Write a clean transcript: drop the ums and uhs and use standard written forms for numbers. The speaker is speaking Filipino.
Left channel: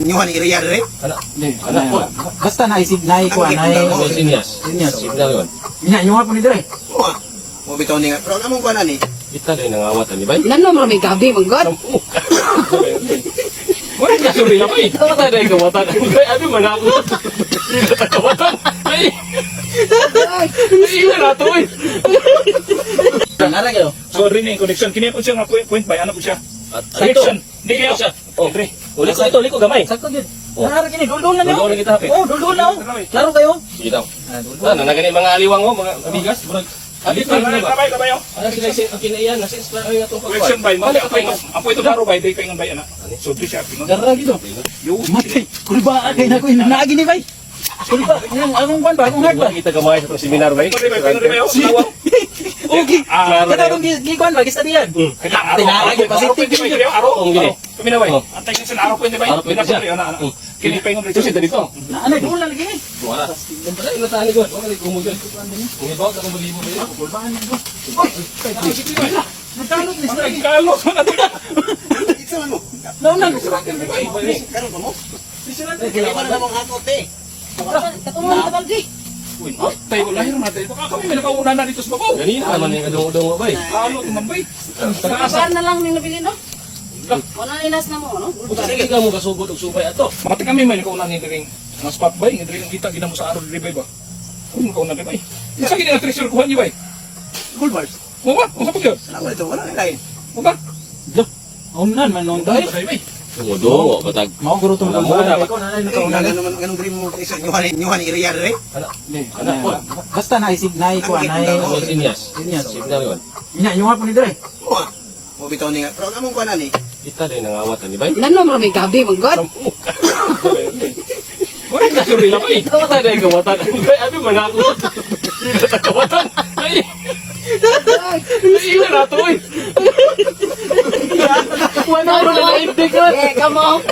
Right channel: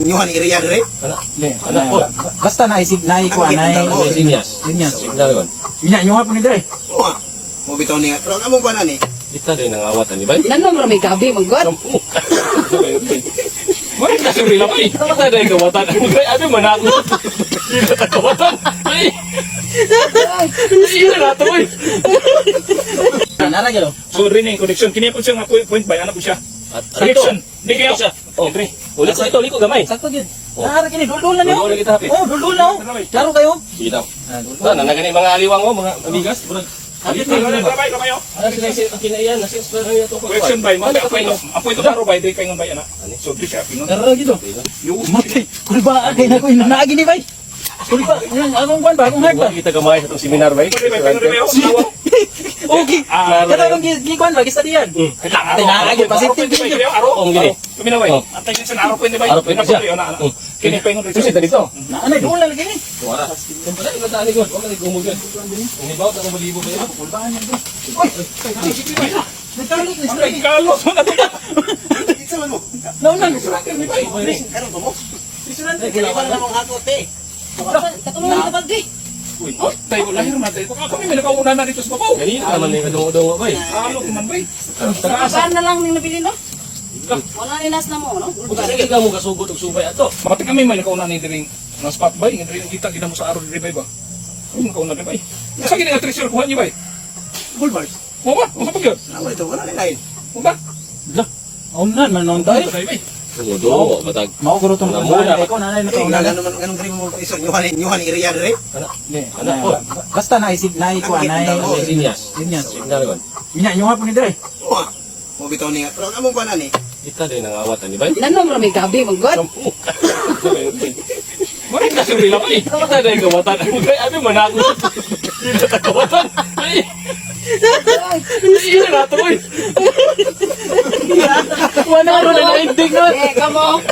Inyuhan area dire. Ano? Ano po? Basta naisig na iko anay. Sinyas. Signal kon. Nya nyo pa ni dire. Mo. Mo bitaw ni. Pero amo ba na ni? Kita din ang awat ni bay. Ilan naman may gabi, manggod? Wala ka sabi lang bay. Ano tayo na kawatan? Ano man ako? Kawatan. Ay. Ay na to eh. Nara kayo. So rin yung connection. Kini po siya nga point by ano po siya? Connection. Hindi kaya siya. Oh, uli ko gamay. Sakto gyud. Nara kini dul na niyo. Dul kita hapit. Oh, dul na. Klaro kayo. Sige daw. Na nagani mga aliwang mo, mga amigas, bro. Abi ko ni ba? Kabayo. Ano sila ang kinaiyan, nasa eskwela to Connection by. Apo ito karo by. Di kayo bay ana. So di siya. Nara gyud. Matay. Kulba kay na ko naagi ni bay. Kulba, anong ban ba? Anong heart ba? Kita gamay sa seminar bay. Okay. Kada bang gikuan ba gista diyan? Tinarag pa si Ong gini. Kami na bay. Antay yun sa naro po ni bay. Kini pa yung Susi dito. Naanay dul na lagi ni. Wala. Kumpara ino tani ko. Wala di gumugan. Ang ibaw ta malibo ba? Kulbaan man ko. Kalo sa nato. Naunang. Karon mo. Dili ba na namang hakot eh. Katulungan ka baldi. Tayo ko lahir natin. Kami may nakauna na dito sa babaw. Ganina naman ni kadungo bay. Kalo naman bay. Saan na lang may nabili, no? Wala nilas na mo, no? Sige ka mo kasugod og subay ato. Pati kami may nakauna ni diri ng spot bay. Diri yung kita gina mo sa araw diri bay ba. Kung nakauna ni bay. Sa gini ang treasure kuha ni bay. Full bars. Mo ba? Mo pa Ano ito? Wala ni lain. Mo ba? Naunang man nung dai. Kumodo, matag. Mao guro tong Muna. ko nanay na Eh, kauna. naman ganung primo mo isa inyuhan area dire. Ano po? Basta naisig na iko anay. Sinyas. Sinyas. Signal kon. Nya nyo pa ni dire. Mo. Mo bitaw ni. Pero amo ba na ni? Kita din ang awat ni bay. Ilan naman may gabi, manggod? Wala ka sabi lang bay. Ano tayo na kawatan? Ano man ako? Kawatan. Ay. Ay na to eh. Wala ro na ending na. Eh, kamo.